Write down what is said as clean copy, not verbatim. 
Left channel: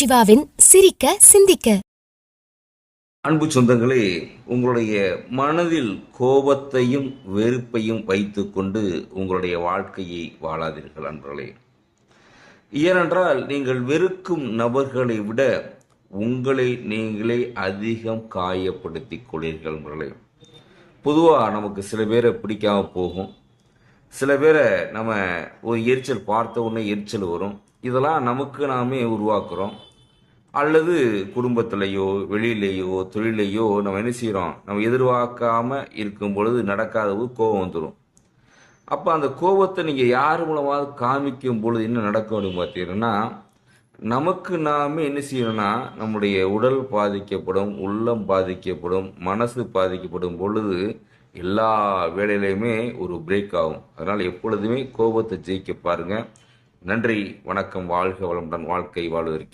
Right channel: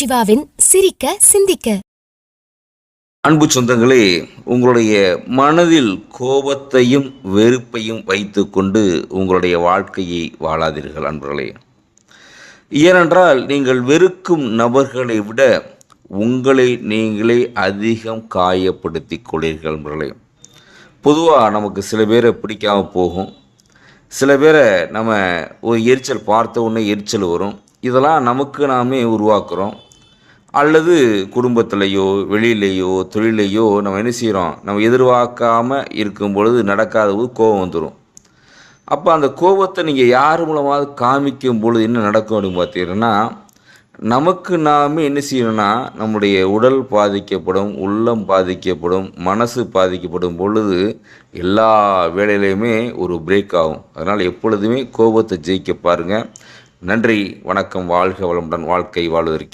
சிவாவின் சிரிக்க சிந்திக்க. அன்பு சொந்தங்களே, உங்களுடைய மனதில் கோபத்தையும் வெறுப்பையும் வைத்துக்கொண்டு உங்களுடைய வாழ்க்கையை வாழாதீர்கள் அன்பர்களே. ஏனென்றால் நீங்கள் வெறுக்கும் நபர்களை விட உங்களை நீங்களே அதிகம் காயப்படுத்திக் கொள்கிறீர்கள் அன்பர்களே. பொதுவாக நமக்கு சில பேரை பிடிக்காமல் போகும், சில பேரை நம்ம ஒரு எரிச்சல் பார்த்த உடனே எரிச்சல் வரும். இதெல்லாம் நமக்கு நாமே உருவாக்குறோம். அல்லது குடும்பத்திலேயோ வெளியிலேயோ தொழிலையோ நம்ம என்ன செய்கிறோம், நம்ம எதிர்பார்க்காமல் இருக்கும் பொழுது நடக்காதது கோபம் வந்துடும். அப்போ அந்த கோபத்தை நீங்கள் யார் மூலமாவது காமிக்கும் பொழுது என்ன நடக்கும் அப்படின்னு பார்த்தீங்கன்னா, நமக்கு நாமே என்ன செய்யணும்னா நம்முடைய உடல் பாதிக்கப்படும், உள்ளம் பாதிக்கப்படும், மனசு பாதிக்கப்படும் பொழுது எல்லா வேலையிலையுமே ஒரு பிரேக் ஆகும். அதனால் எப்பொழுதுமே கோபத்தை ஜெயிக்க பாருங்கள். நன்றி, வணக்கம், வாழ்க வளமுடன், வாழ்க்கை வாழ்வதற்கு.